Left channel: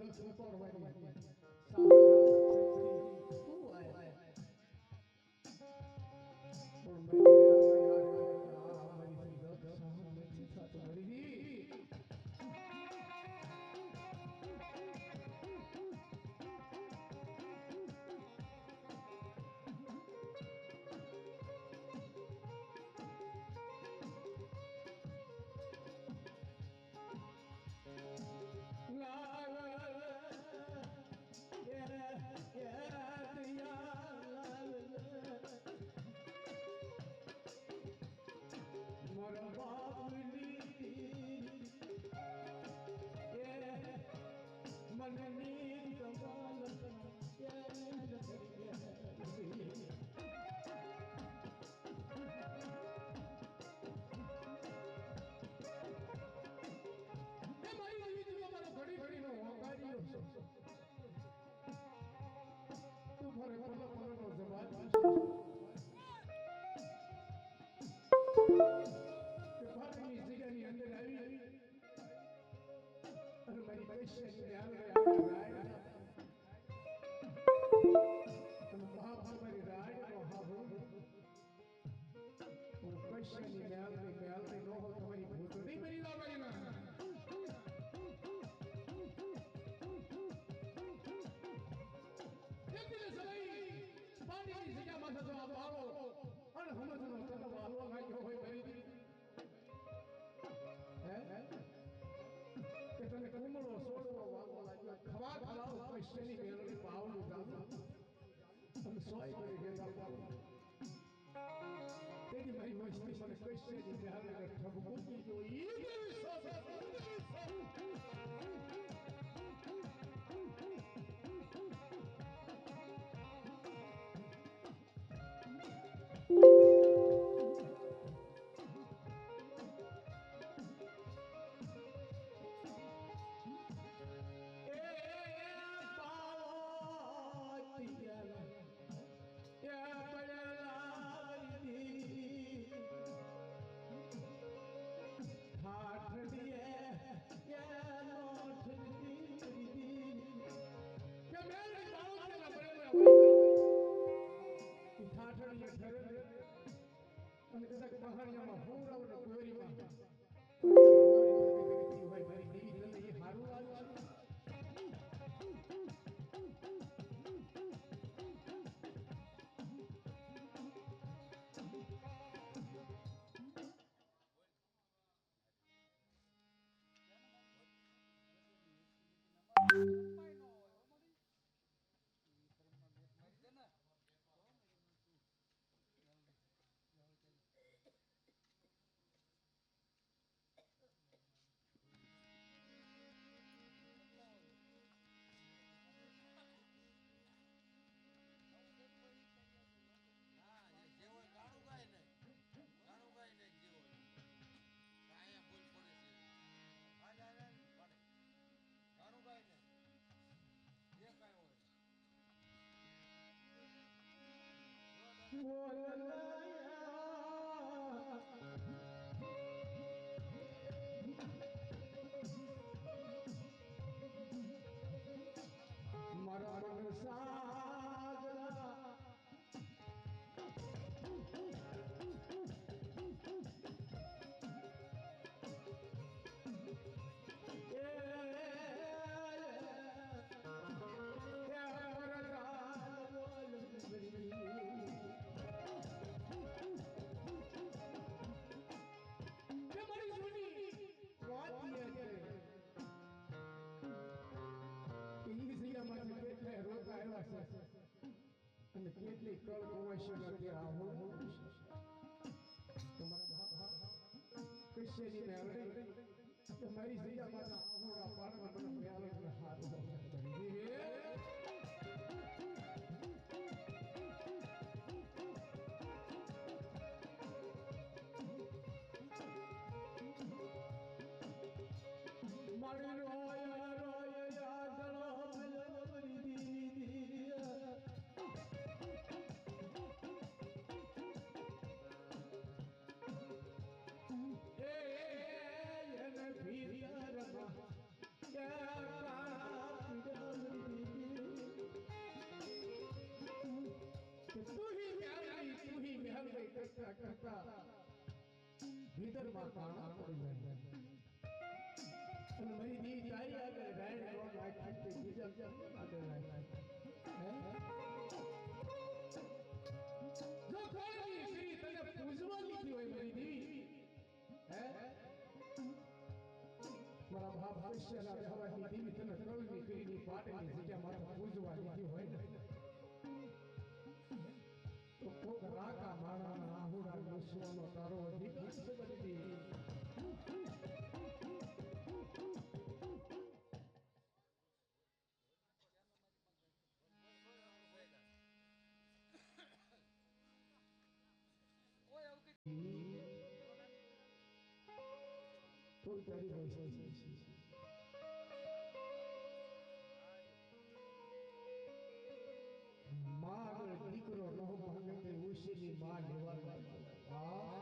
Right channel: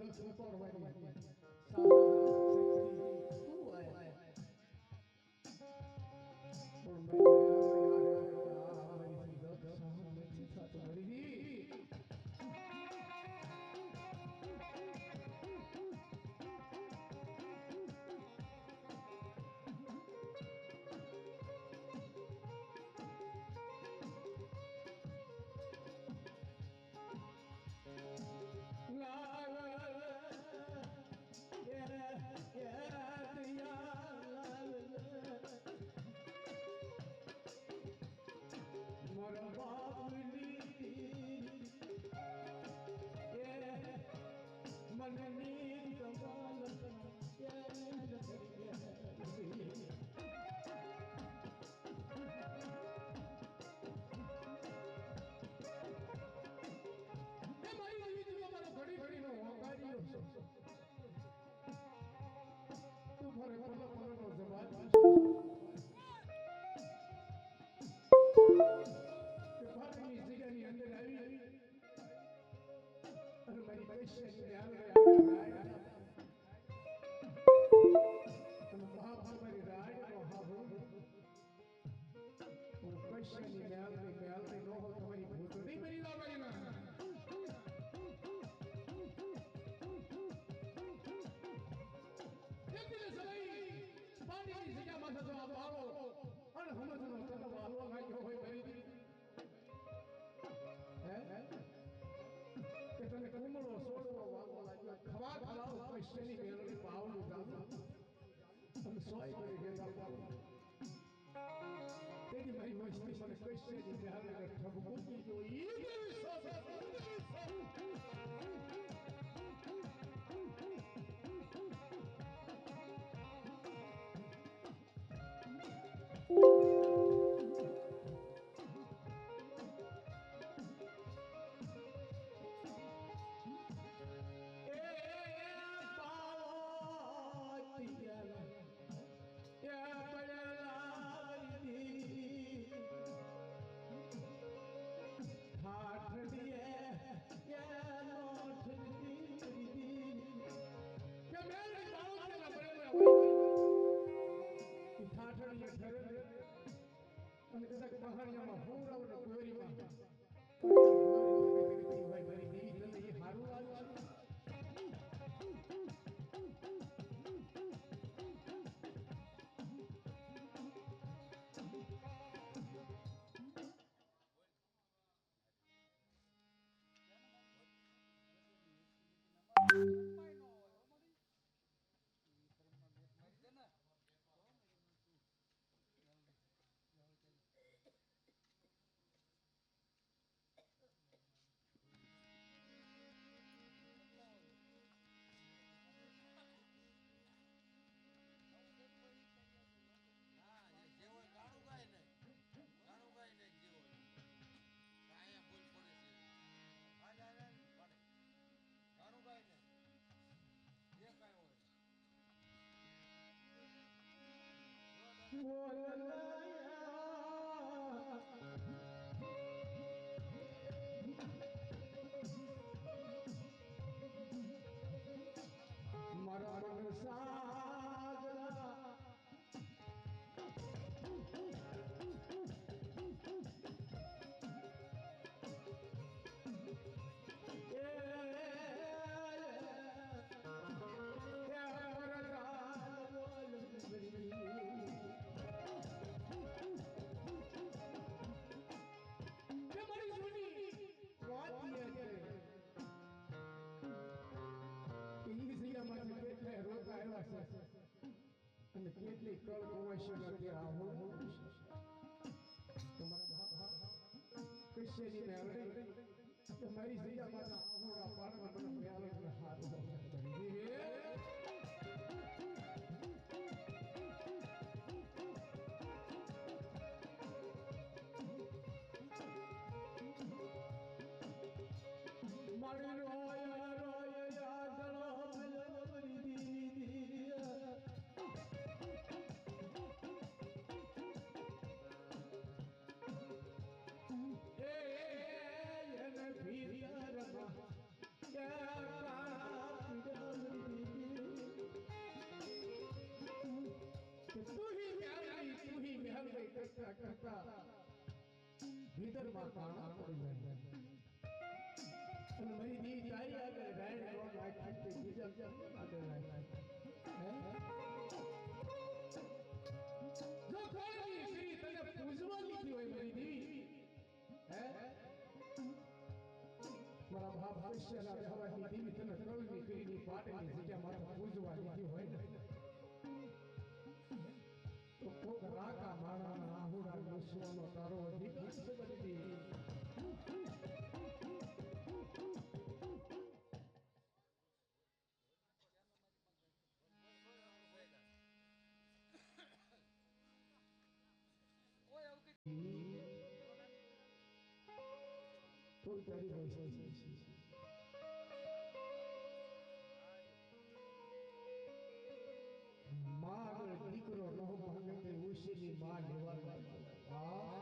દસ પડવાની સારા શક્તિ તું આય પણ મેં યાર યાર મારી દસ સહન નથી થતું મારી તેની મારી મસ્તી મને કઈ છે ને હાલે ઠબકુતી જો અને કદાચ પહાડિયામાં પૂરાવ ને ગોરીમાં પણ એ ગોરી થતી થતી હોય મારી દેવી તને એ હારું લાગે મારા મન સાગરા અને કેટલી કળ કુવાશી નથી આવું તમારા કૃષ્ણની મેળવી તમારી જગ્યામાં આવું પાડવા મને મેળવી હારું મારી રોયા રોયા યાદ કરતા ભીતરમાં કાણા પડી જાય અને મારી દી તારી આગળ રાયણ નો નાખી તે બીજા આગળ નાખી જો કોઈ શ્રી તને પૂજવા લીધી હોય મારી દેવી હે મારા બાપ ભવિષ્યના રહેવાની દેવી તને કળની કરીને પાટની જગ્યા માથે પૂજવા લીધી હોય ને તો કોક રાકા માણાના આહુડા નસવાનો તારો અધિકાર છે મારી દેવી કોઈ તારી હોય માં દીકરો નો માંગે તે ઉશીની માં લેવા હા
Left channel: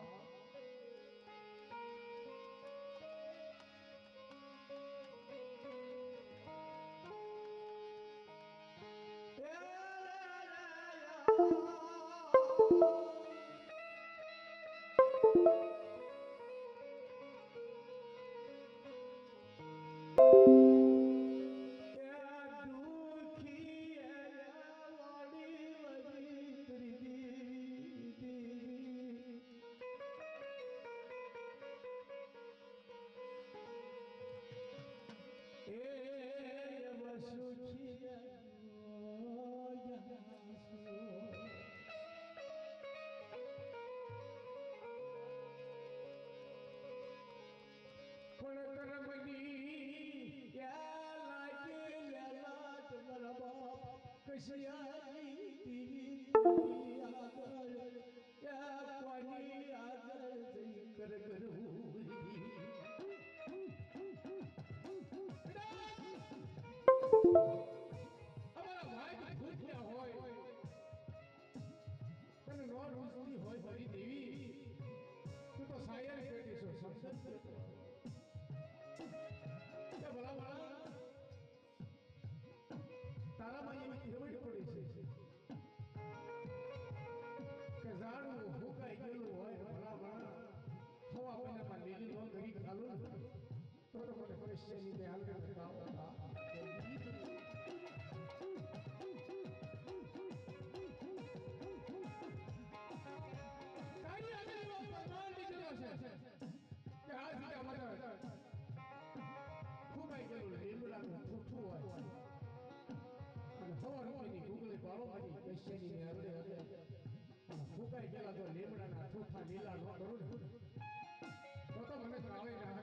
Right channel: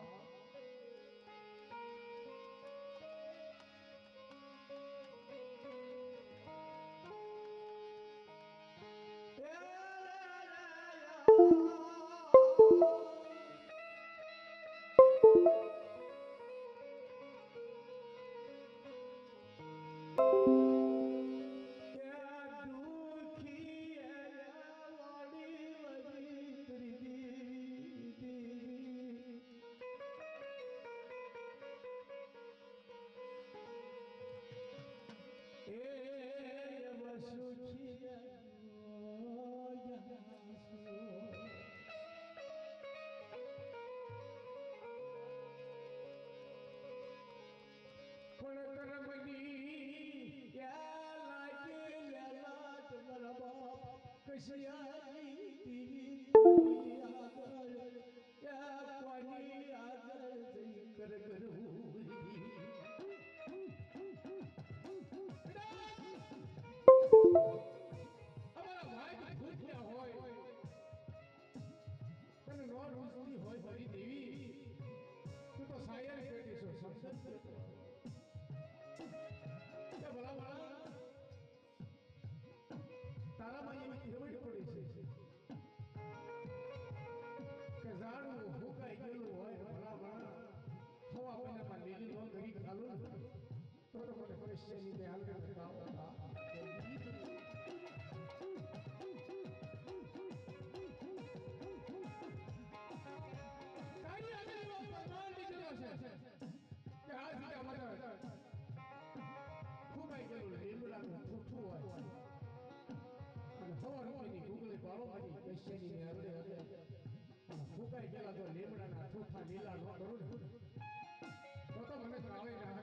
તારામાં એવી કેવડ પડી છે કે ઝાડવું ફૂંકાઈ ગયેલું હોય ભલા હવા મહિનામાં લીલી નો કરી ખાલું તો મને પૈસાની ને હાલ કરતા હતા તારી આગળ એવો પ્રમાણ નીકળ્યો છે કે આ જીતા મારા ફૂંકાઈ ગયેલું લીમડાનું ઠૂઠું હોય હવા રૂપિયાની ભૂગલી બાળો મારી પૈસાની ને હરડે હરડે ફૂંકાઈ ગયેલા જો લીમડાના ઠૂઠા લીલા ન કરું ને તો મને કાવે ના